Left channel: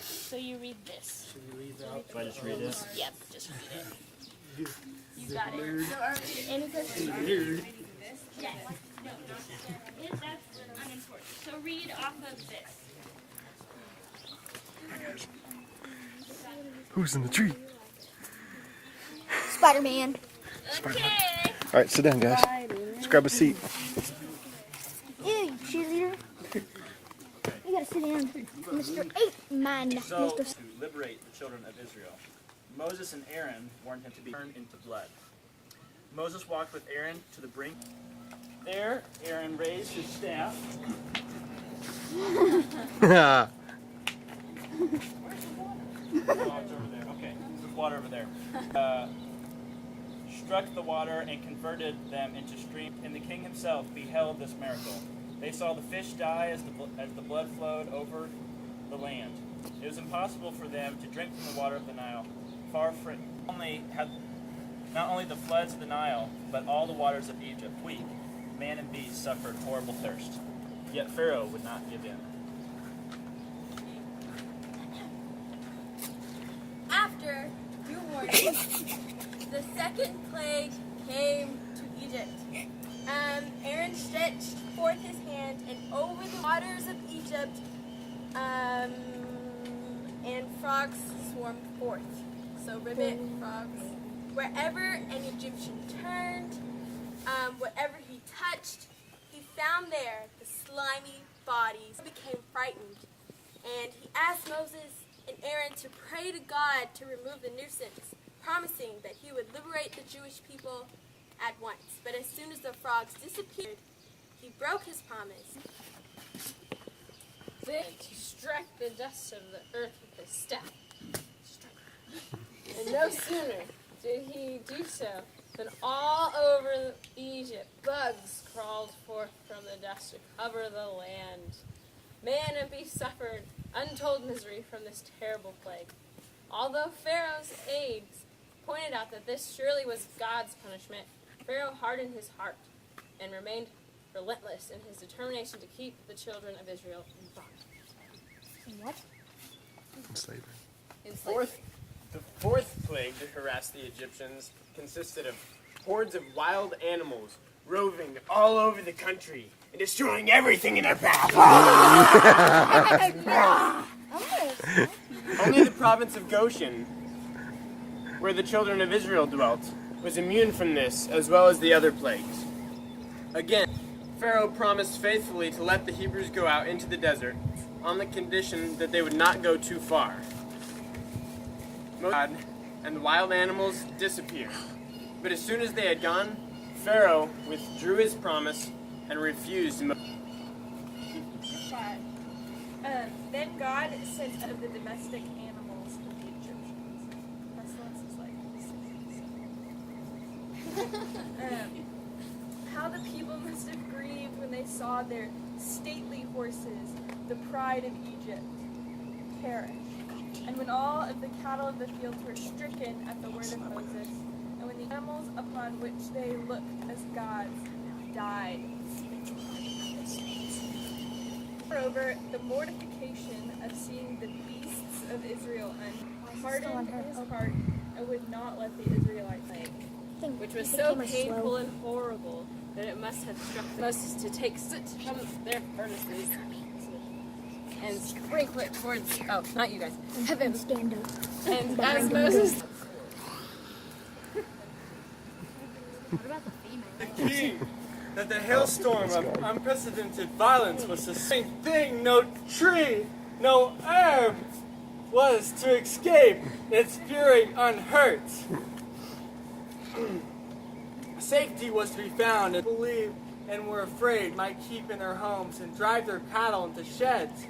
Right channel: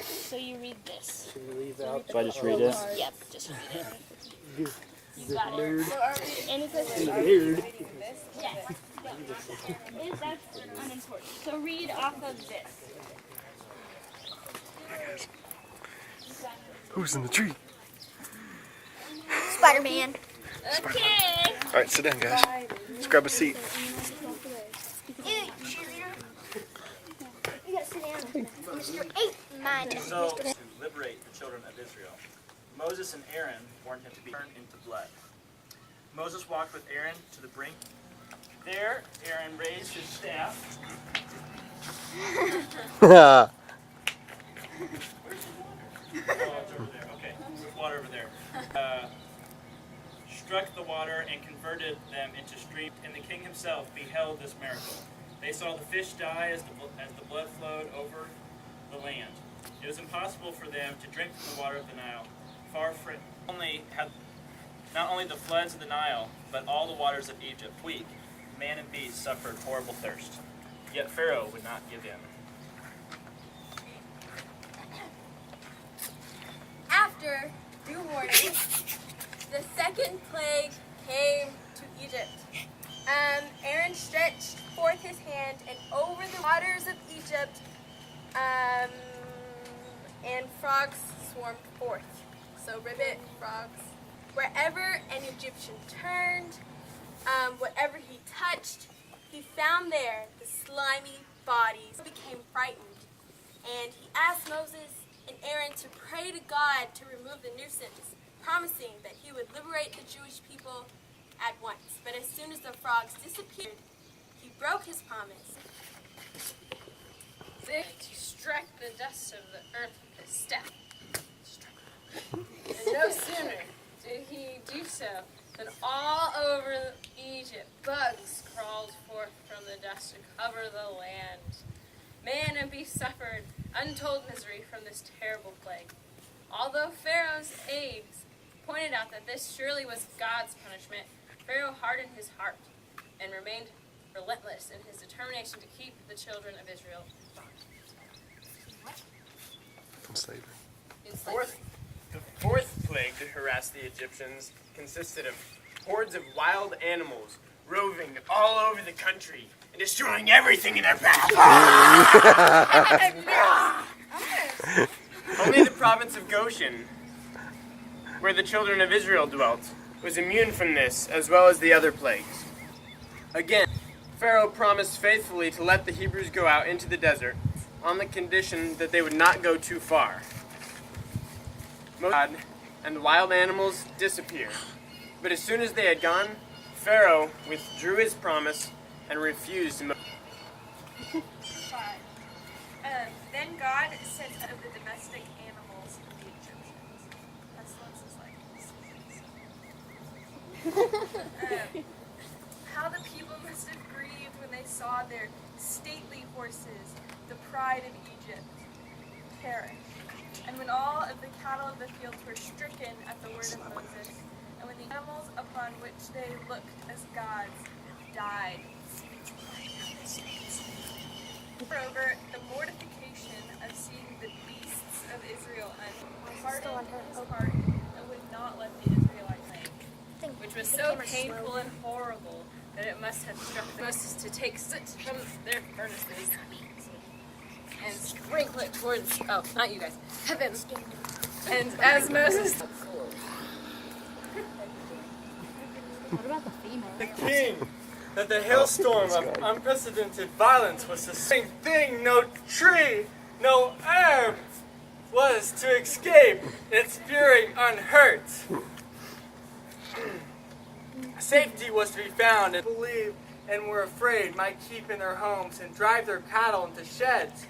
So you read this. Can you read out? So I just read it? Yep, just read it. You The got it. nerd. So are we any questions? Nerd. Yes. That's unimportant. So read off of this. Who's in the tree? Spider-Man. Okay. All right, sit down, guys. Let's grab a seat. Ew, cheerleader. You gotta sit down. Mr. 8-Man. So, to liberate the children of Israel, Moses and Aaron warned him to be turned into blood. Moses walked with Aaron to the brink. There, Aaron raised his staff. Oh, it's over there. Okay, there's water over there. Struck the water and converted them into streams, and the king himself beheld this miracle. They saw the fish die as the blood flowed over the land. It was impossible for them to drink from the water of the Nile. Not only the floods of the Nile, but all the waters of Egypt, weak, man and beast suffered horrible thirst. Yet Pharaoh would not give in. After due warning, the second plague came to Egypt. Aaron stretched forth his hand, and over the waters of Egypt, and frogs swarmed forth. So ribbit, frogs. Wherever an Egyptian turned, whatever he touched, he found there the slimy bodies. He became frightened, and he asked Moses and Aaron to pray to God to remove the nuisance, promising that he would liberate the Jewish people at once. But as soon as the frogs disappeared, he broke his promise. Then he struck the dust of the earth with his staff. And no sooner did he do so than all over Egypt bugs crawled forth from the dust to cover the land. Man and beast suffered untold misery from this terrible plague. Although Pharaoh's aides pointed out that this surely was God's punishment, Pharaoh hardened his heart and remained relentless in his determination to keep the children of Israel in bondage. What? Slavery. The fourth plague to harass the Egyptians consisted of hordes of wild animals roving all over the country and destroying everything in their path. Only the province of Goshen, where the children of Israel dwelt, was immune from this, as well as the other plagues. Again, Pharaoh promised faithfully to let the Hebrews go out into the desert, on the condition that they would not go too far. God and the wild animals disappeared. But as soon as they had gone, Pharaoh withdrew his promise and refused to. Then God sent of the domestic animals to the Egyptians. Pestilence is like how the people must have grieved when they saw their stately horses, the pride of Egypt, perish. And when all of the cattle of the fields were stricken at the word of Moses, and when the animals upon which they looked as gods died. Moreover, the mortification of seeing the beasts of Israel hardened his heart and would not let the Israelites live. Which was so painful and horrible that it must have struck Moses to take soot from their furnaces and sprinkle it towards, oh, not you guys, heaven. And as Moses... The king, that the hailstorm of unprecedented violence was the same thing. No tree, no herb was to escape its fury unhurt. Safety was to be found, and believed and were afraid might keep in their homes and drive their cattle into sheds.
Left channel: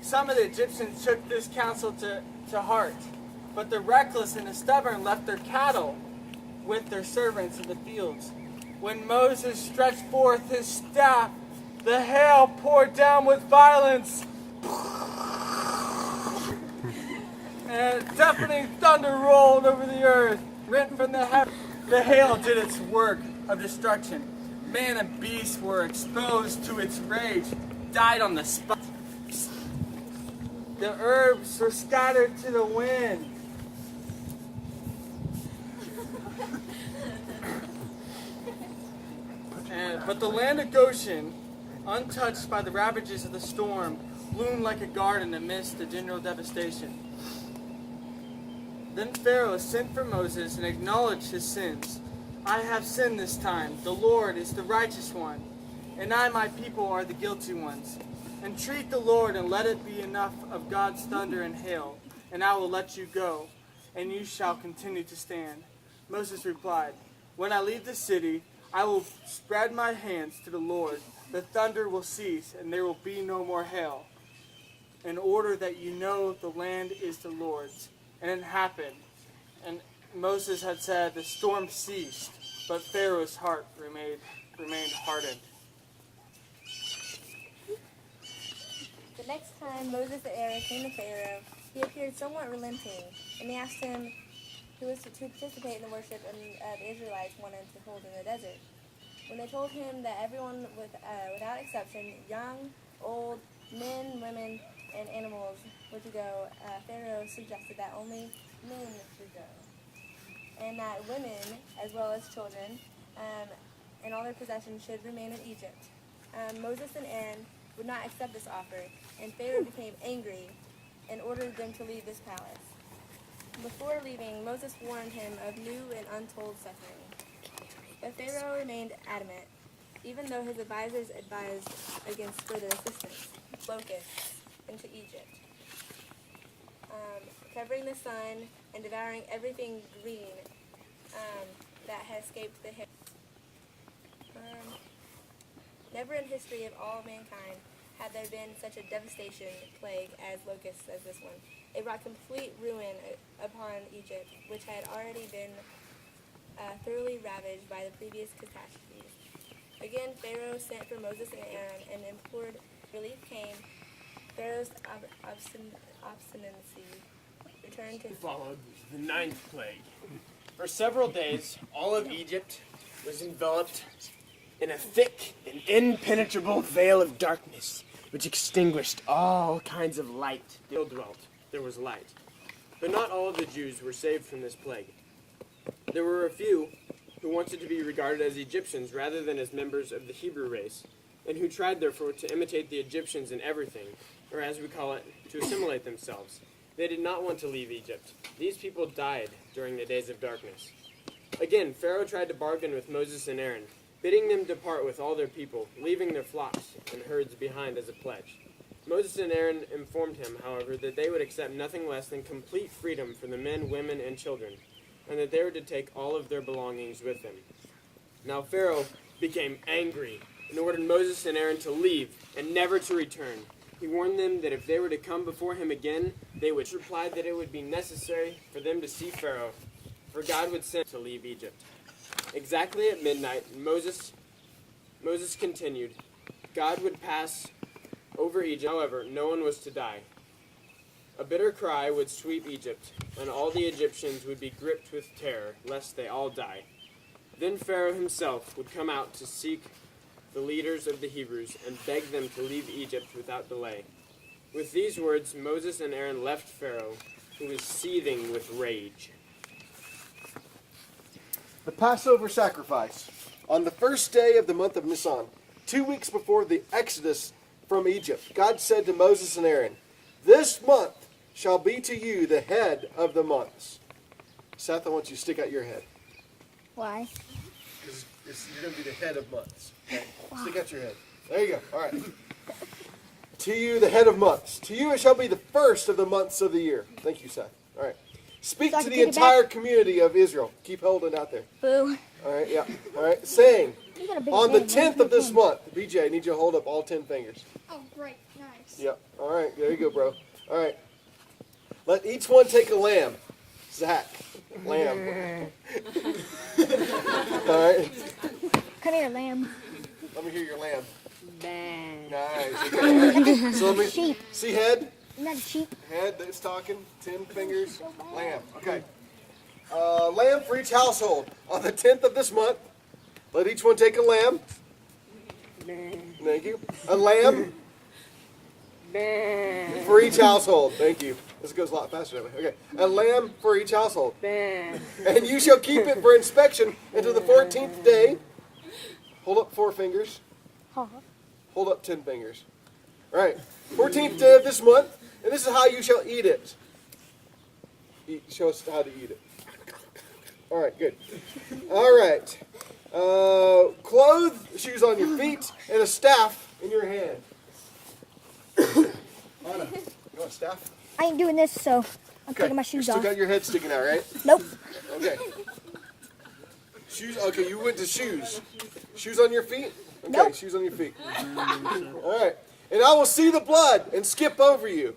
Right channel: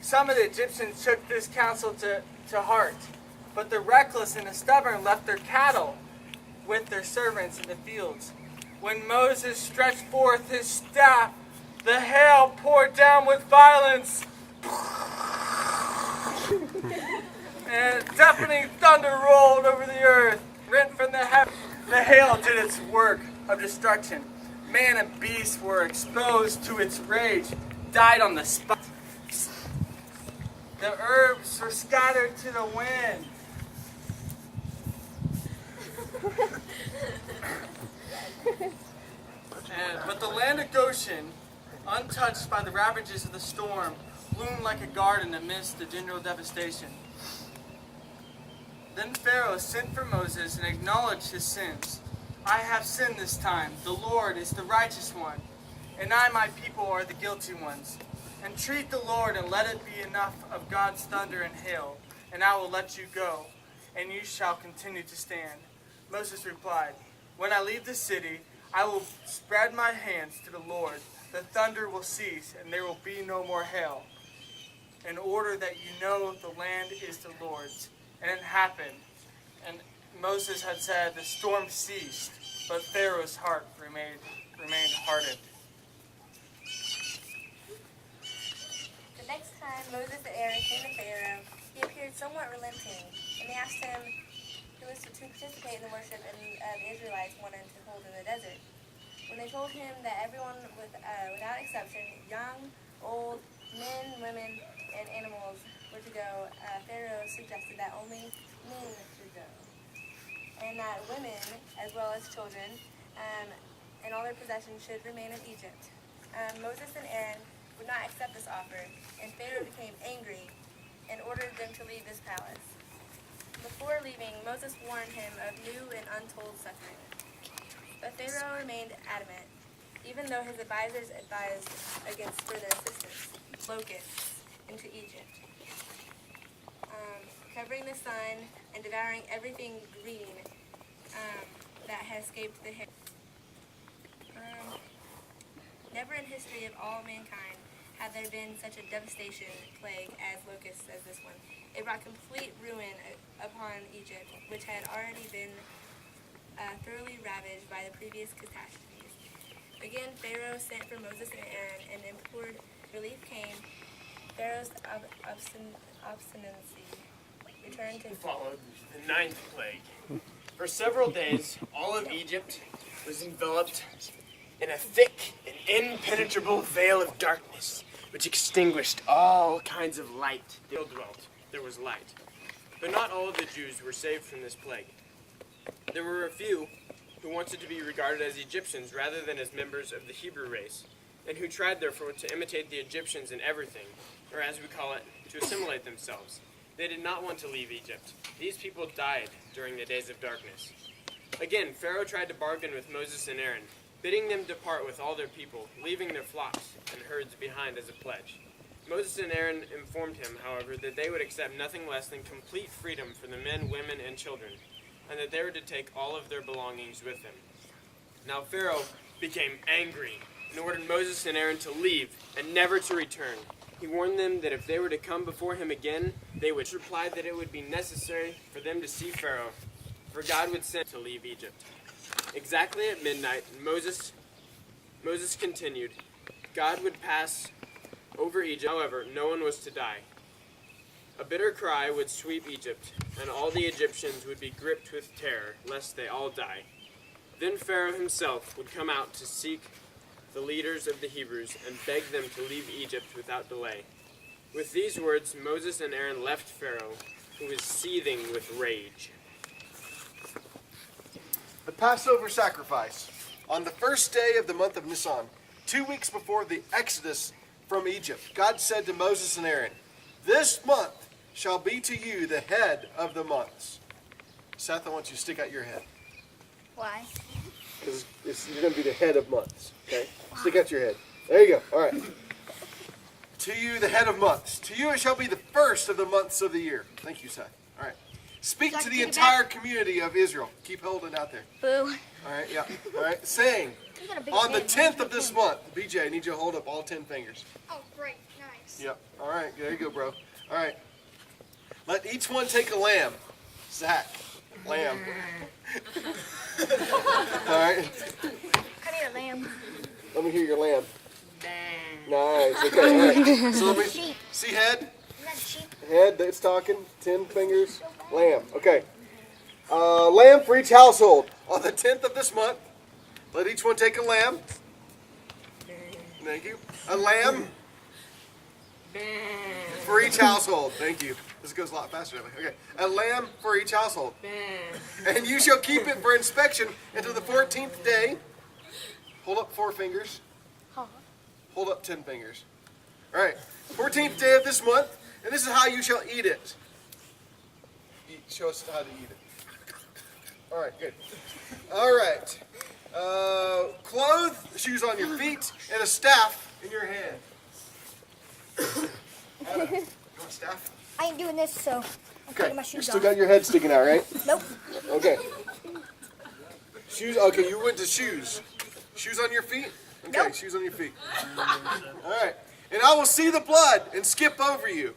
Some of the Egyptians took this counsel to heart, but the reckless and the stubborn left their cattle with their servants in the fields. When Moses stretched forth his staff, the hail poured down with violence, and a deafening thunder rolled over the earth, rent from the heavens. The hail did its work of destruction. Man and beast were exposed to its rage, died on the spot. The herbs were scattered to the wind. But the land of Goshen, untouched by the ravages of the storm, bloomed like a garden amidst the general devastation. Then Pharaoh sent for Moses and acknowledged his sins. I have sinned this time. The Lord is the righteous one, and I, my people, are the guilty ones. Entreat the Lord, and let it be enough of God's thunder and hail, and I will let you go, and you shall continue to stand. Moses replied, when I leave the city, I will spread my hands to the Lord. The thunder will cease, and there will be no more hail, in order that you know the land is the Lord's. And it happened. And Moses had said, the storm ceased, but Pharaoh's heart remained hardened. The next time Moses and Aaron came to Pharaoh, he appeared somewhat relenting, and they asked him who was to participate in the worship the Israelites wanted to hold in the desert. When they told him that everyone, without exception, young, old, men, women, and animals were to go, Pharaoh suggested that only men should go, and that women, as well as children, and all their possessions should remain in Egypt. Moses and Aaron would not accept this offer, and Pharaoh became angry and ordered them to leave this palace. Before leaving, Moses warned him of new and untold suffering. But Pharaoh remained adamant, even though his advisors advised against further assistance, locusts, into Egypt, covering the sun and devouring everything green that had escaped the hair. Never in history of all mankind had there been such a devastation plague as locusts as this one. It brought complete ruin upon Egypt, which had already been thoroughly ravaged by the previous catastrophes. Again, Pharaoh sent for Moses and Aaron and implored relief came. Pharaoh's obstinacy returned to Followed the ninth plague. For several days, all of Egypt was enveloped in a thick and impenetrable veil of darkness, which extinguished all kinds of light. They all dwelt. There was light. But not all of the Jews were saved from this plague. There were a few who wanted to be regarded as Egyptians rather than as members of the Hebrew race, and who tried therefore to imitate the Egyptians in everything, or as we call it, to assimilate themselves. They did not want to leave Egypt. These people died during the days of darkness. Again, Pharaoh tried to bargain with Moses and Aaron, bidding them depart with all their people, leaving their flocks and herds behind as a pledge. Moses and Aaron informed him, however, that they would accept nothing less than complete freedom for the men, women, and children, and that they were to take all of their belongings with them. Now Pharaoh became angry and ordered Moses and Aaron to leave and never to return. He warned them that if they were to come before him again, they would reply that it would be necessary for them to see Pharaoh, for God would send to leave Egypt. Exactly at midnight, Moses continued. God would pass over Egypt, however, no one was to die. A bitter cry would sweep Egypt, and all the Egyptians would be gripped with terror, lest they all die. Then Pharaoh himself would come out to seek the leaders of the Hebrews and beg them to leave Egypt without delay. With these words, Moses and Aaron left Pharaoh, who was seething with rage. The Passover sacrifice. On the first day of the month of Nisan, 2 weeks before the exodus from Egypt, God said to Moses and Aaron, "This month shall be to you the head of the months." Seth, I want you to stick out your head. Why? Because you're going to be the head of months. Okay? Wow. Stick out your head. There you go. All right. To you, the head of months. To you, it shall be the first of the months of the year. Thank you, Seth. All right. Speak to the entire community of Israel. Keep holding out there. Boo. All right, yeah. All right. Saying, on the 10th of this month, BJ, I need you to hold up all 10 fingers. Oh, great. Nice. Yep. All right. There you go, bro. All right. Let each one take a lamb. Zach. Lamb. All right. Come here, lamb. Let me hear your lamb. Nice. Okay. All right. So let me Sheep. see head. Isn't that a sheep? Head that's talking. 10 fingers. Lamb. Okay. Lamb for each household. On the 10th of this month, let each one take a lamb. Thank you. A lamb. for each household. Thank you. This goes a lot faster that way. Okay. A lamb for each household. And you shall keep it for inspection until the 14th day. Hold up 4 fingers. Hold up 10 fingers. All right. 14th day of this month. And this is how you shall eat it. Show us how to eat it. All right, good. All right. Shoes on your feet, and a staff in your hand. Anna, you want a staff? I ain't doing this, so I'm Okay. taking my You shoes still off. got your head sticking out, right? Nope. Okay. Shoes. Okay, you went to shoes. Shoes on your feet? Okay, Nope. shoes on your feet. All right. And I will see the blood and skip over you.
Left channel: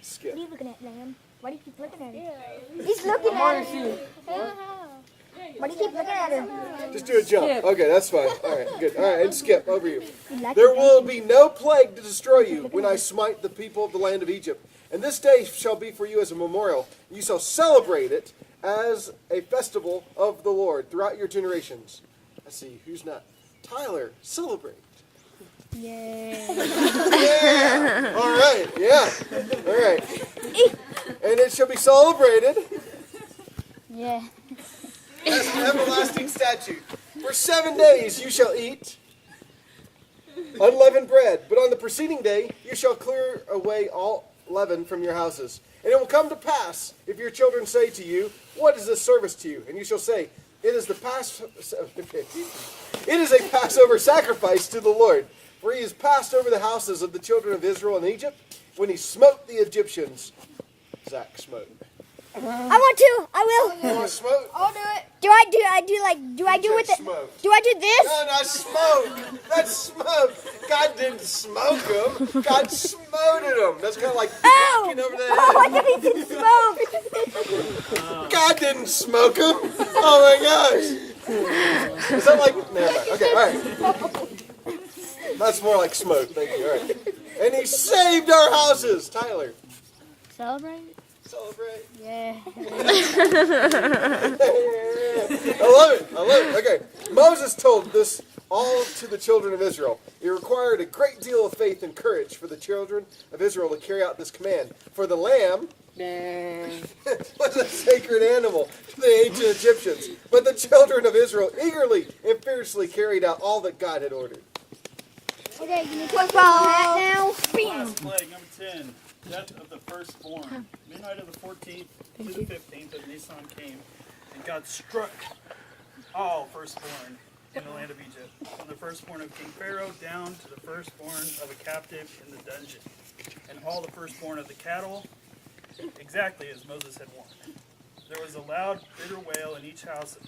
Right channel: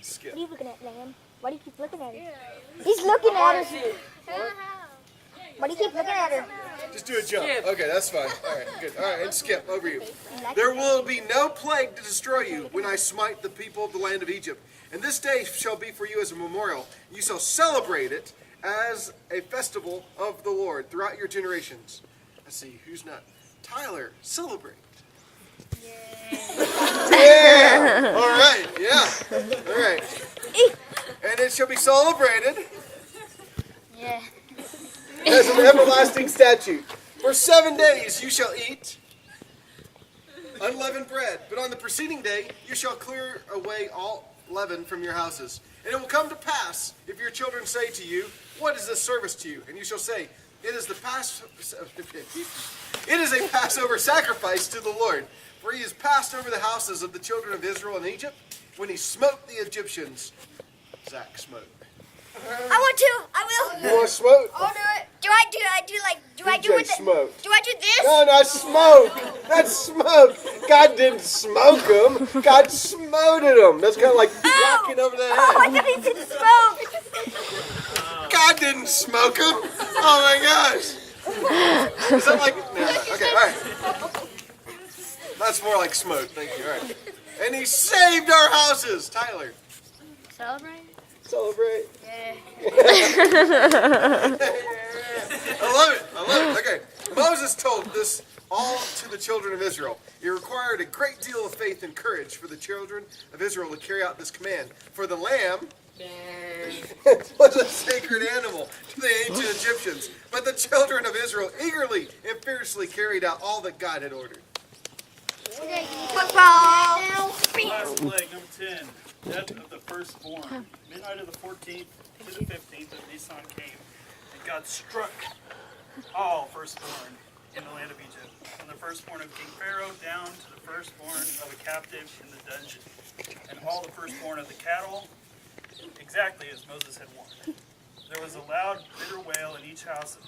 Skip. What are you looking at, Lamb? Why do you keep looking at her? He's looking at her. Why do you keep looking at her? Just do a jump. Okay, that's fine. All right, good. All right, and skip over you. You like There it? will be no plague to destroy you when I smite the people of the land of Egypt. And this day shall be for you as a memorial. You shall celebrate it as a festival of the Lord throughout your generations. Let's see, who's not? Tyler, celebrate. Yeah. All right, yeah. All right. And it shall be celebrated Yeah. as an everlasting statute. For 7 days you shall eat unleavened bread, but on the preceding day you shall clear away all leaven from your houses. And it will come to pass, if your children say to you, what is this service to you? And you shall say, it is a Passover sacrifice to the Lord. For he has passed over the houses of the children of Israel in Egypt when he smote the Egyptians. Zach smote. I want to. I will. You want to smote? I'll do it. Do I do with the, Smoke. do I do this? No, not smoke. That's smoke. God didn't smoke them. God smoted them. That's kind of like whacking over the Oh, I head. thought he said smoke. God didn't smoke them. Oh my gosh. Is that like? No, okay, all right. That's more like smoke. Thank you. All right. And he saved our houses. Tyler, Celebrate? celebrate. Yeah. I love it. Okay. Moses told this all to the children of Israel. It required a great deal of faith and courage for the children of Israel to carry out this command. For the lamb was a sacred animal to the ancient Egyptians. But the children of Israel eagerly and fiercely carried out all that God had ordered. Okay, can you talk about that now? Last plague, number 10. Death of the firstborn. Midnight of the 14th to the 15th of Nisan came, and God struck all firstborn in the land of Egypt, from the firstborn of King Pharaoh down to the firstborn of a captive in the dungeon, and all the firstborn of the cattle, exactly as Moses had warned. There was a loud, bitter wail in each house.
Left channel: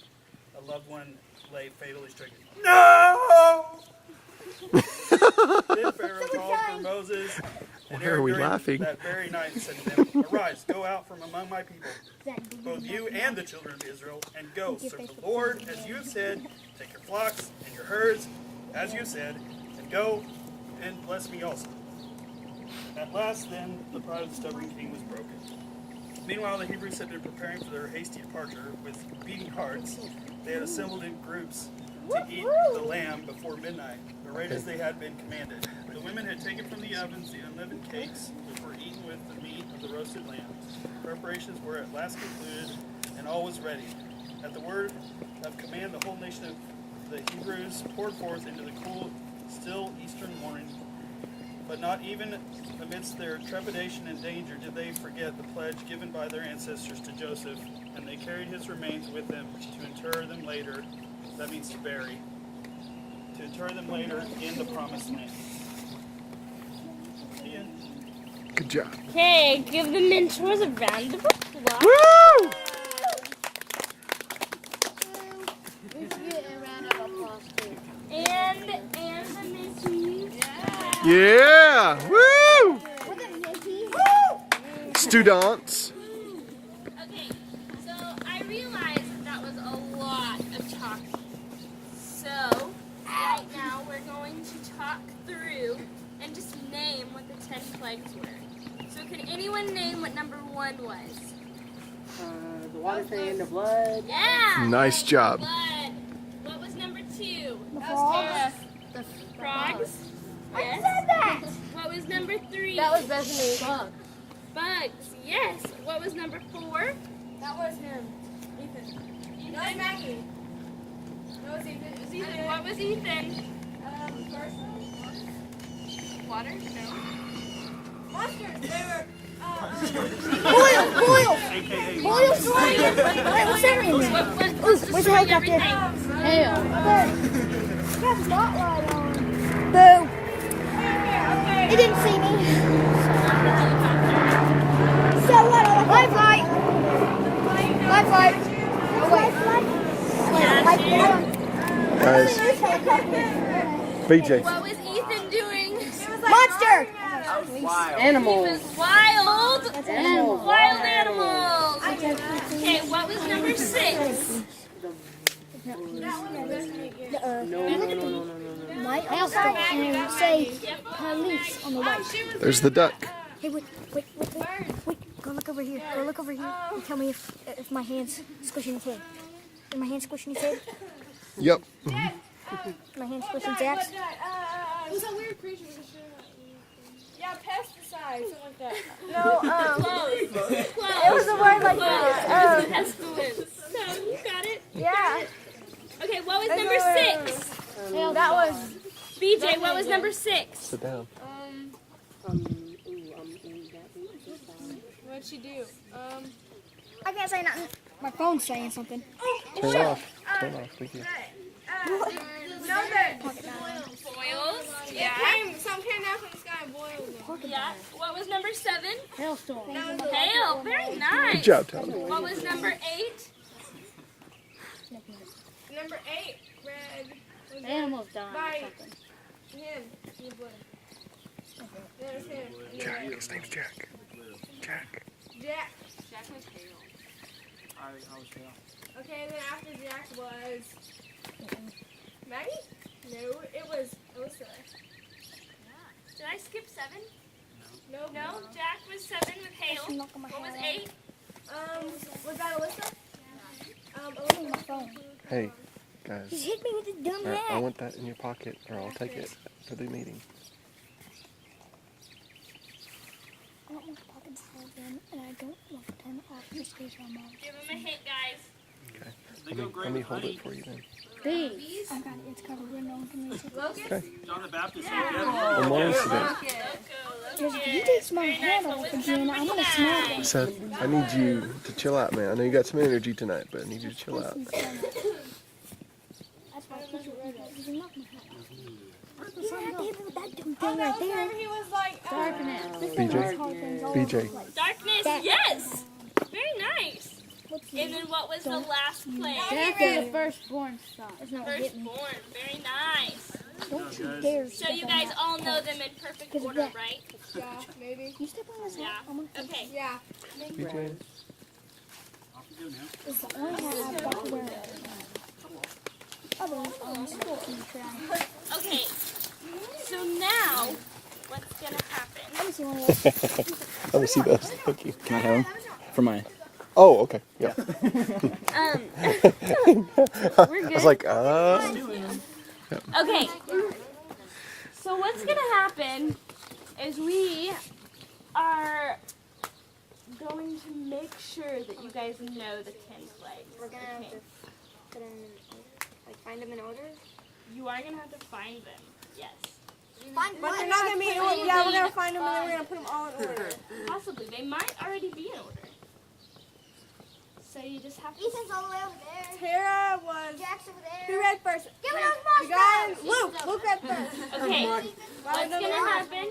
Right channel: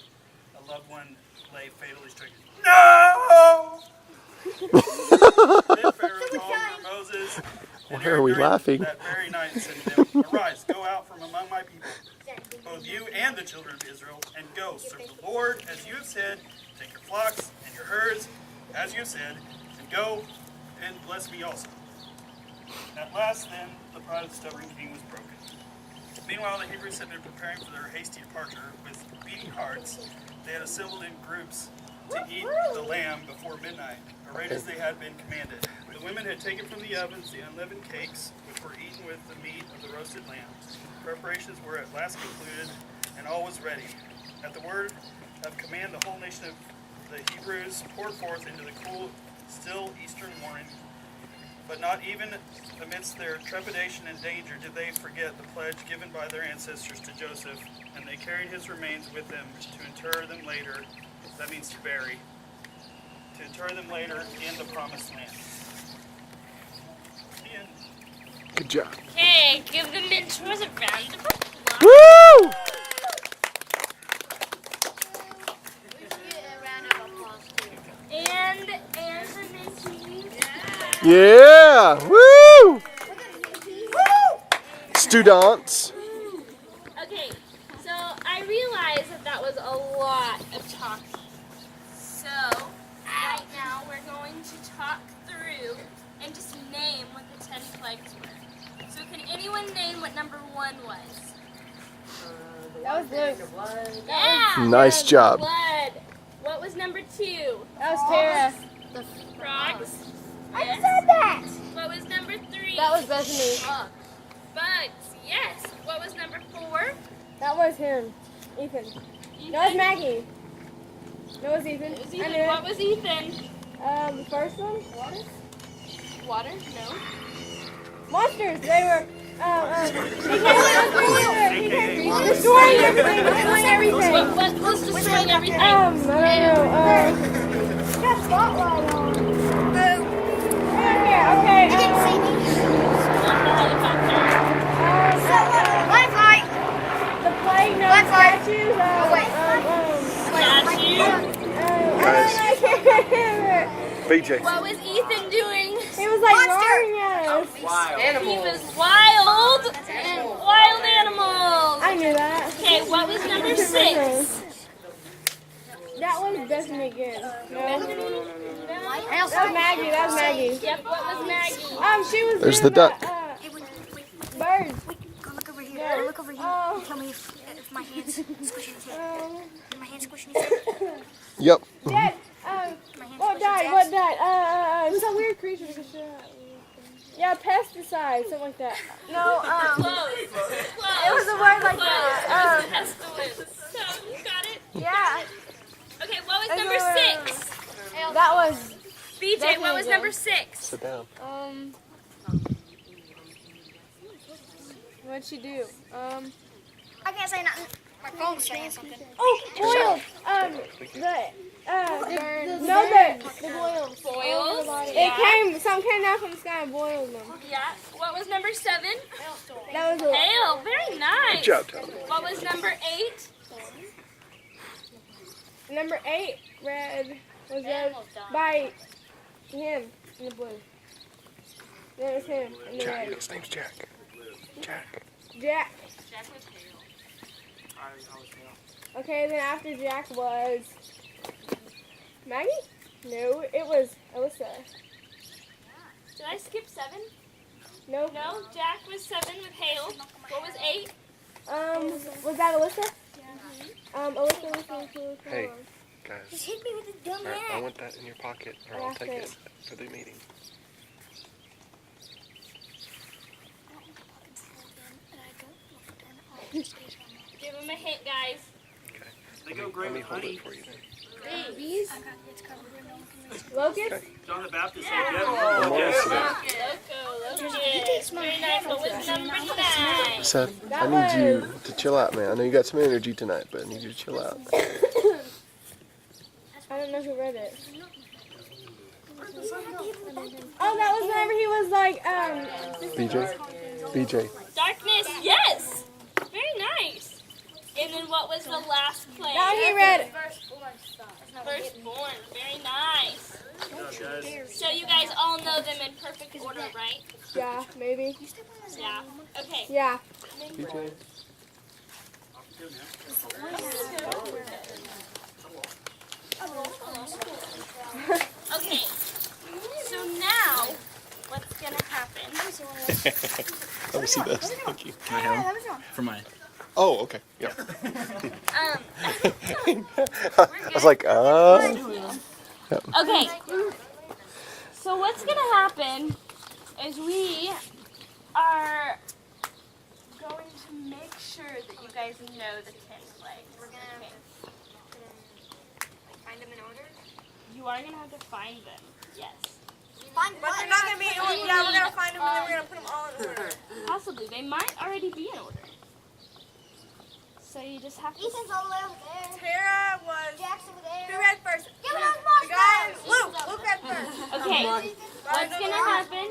A loved one lay fatally stricken. No! Then Pharaoh called for Moses. And Why are we Aaron laughing? that very night and said to them, arise, go out from among my people, both you and the children of Israel, and go serve the Lord as you have said. Take your flocks and your herds as you have said, and go and bless me also. At last, then, the pride of the stubborn king was broken. Meanwhile, the Hebrews had been preparing for their hasty departure with beating hearts. They had assembled in groups to eat the lamb before midnight, right as they had been commanded. The women had taken from the ovens the unleavened cakes, which were eaten with the meat of the roasted lamb. Preparations were at last concluded, and all was ready. At the word of command, the whole nation of the Hebrews poured forth into the cool, still eastern morning. But not even amidst their trepidation and danger did they forget the pledge given by their ancestors to Joseph, and they carried his remains with them to inter them later. That means to bury. To inter them later in the promised land. The end. Good job. Okay, give the mentors a round of applause. Woo! And the mentees. Yeah! Woo! Students. Okay, so I realized that was a lot of talking. So, right now we're going to talk through and just name what the 10 plagues were. So can anyone name what number 1 was? The blood. Yeah! Nice job. Blood. What was number 2? That was Tara. Frogs. I said that. What was number 3? That was Bethany. Bugs. Yes. What was number 4? That was him. Ethan. No, it's Maggie. No, it's Ethan. It was Ethan. What was Ethan? The first one? Water? No. Monsters. They were. He destroyed everything. What was destroying everything? I don't know. Got a spotlight on. Okay. You didn't see me. So what? Light flight. The plane. Light flight. Oh wait. Guys, BJ. What was Ethan doing? He was like roaring at us. He Animals. was wild. Animals. Wild animals. I knew that. Okay, what was number 6? That one doesn't make it. Hailstorm. Maggie. That's Maggie. Yep, what was Maggie? She was. There's the duck. Hey, wait. Bird. Go look over here. Go look over here. And tell me if my hand's squishing his head. Is my hand squishing his head? Yep. Dad. My hand's What squishing his died? What ass. died? It's a weird creature. Yeah, pesticides, something like that. No, Close. it was a word like that. Pestilence. So, you got it? Yeah. Okay, what was number 6? That was. BJ, what was number 6? Sit down. What'd she do? I can't say nothing. My phone's saying something. Oh, Turn it off. Turn it off. We can- Boils. Some came down from the sky and boiled them. Yeah. What was number 7? Hailstorm. That was Hail. Very nice. Good job, Tom. What was number 8? number 8. Red was Animals died. by him in the blue. There was him in the Jack. red. His name's Jack. Jack. Jack. That was hail. I was hail. Okay, then after Jack was Maggie? No, it was Alyssa. Did I skip 7? Nope. No, Jack was 7 with hail. What was 8? Was that Alyssa? Alyssa. Hey, guys. Just hit me with his dumb All right, I ass. want that in your pocket, or I'll take it for the meeting. I don't want the pocket plugged in, and I don't want to turn it off just in case I'm off. Give him a hint, guys. Okay. They go great Let me with hold honey. it for you then. Bees. I got it. It's covered with no one can reach it. Locust? John the Baptist. One more incident. You take my hand off the gym. I'm gonna smack it. Seth, I need you to chill out, man. I know you got some energy tonight, but I need you to chill out. I don't know who read it. Oh, that was whenever he was like, BJ. Darkness, yes. Very nice. And then what was the last now play? he read Firstborn. Firstborn. Very nice. Don't you dare. So you guys all know them in perfect order, right? Yeah, maybe. You step on his Yeah. Okay. Yeah. BJ. It's the only one I've got to wear. Otherwise, I'm still in the crowd. Okay. So now, what's gonna happen? Let me see one of those. Let me see this. Thank you. Can I have them? For mine. Oh, okay. Yeah. I was like, Okay. So what's gonna happen is we are going to make sure that you guys know the 10 plagues. Okay. Find them in order? You are gonna have to find them. Yes. Find But they're not going to be, yeah, we're going to find them and then we're going to put them all in order. Possibly. They might already be in order. So you just have to. Ethan's all the way over there. Tara was, Jack's over there. who read first? Give me those The guy, marshmallows. Luke read first. Okay. What's gonna happen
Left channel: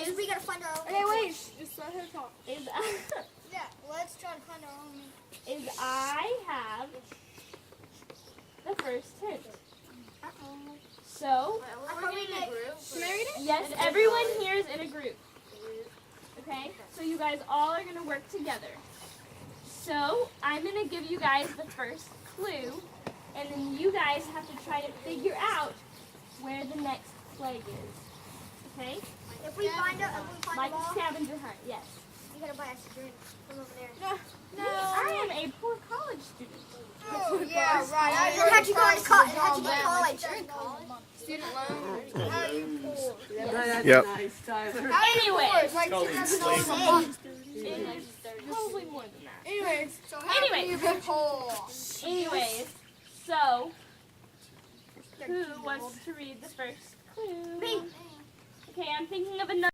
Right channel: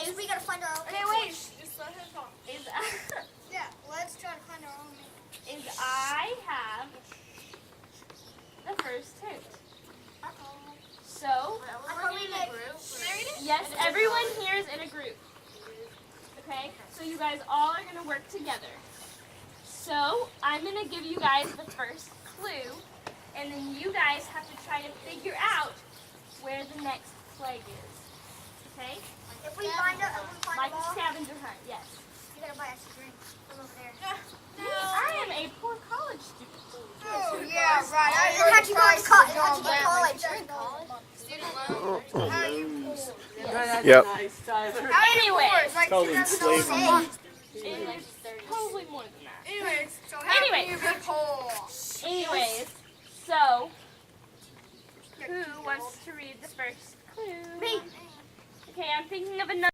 is We gotta find our own. Hey, wait, just let her talk. is Yeah, let's try to find our own. is I have the first hint. So yes, everyone here is in a group. Okay, so you guys all are gonna work together. So I'm gonna give you guys the first clue, and then you guys have to try to figure out where the next plague is. Okay? If we find it, Like a scavenger hunt. Yes. you gotta buy us a drink from over there. I am a poor college student. Oh, yeah, right. How'd you go to college? How'd you get college? I That's Yep. nice, Tyler. Anyways, Called enslavement. probably more than that. Anyways, so Anyways, so who wants to read the first clue? Me. Okay, I'm thinking of another.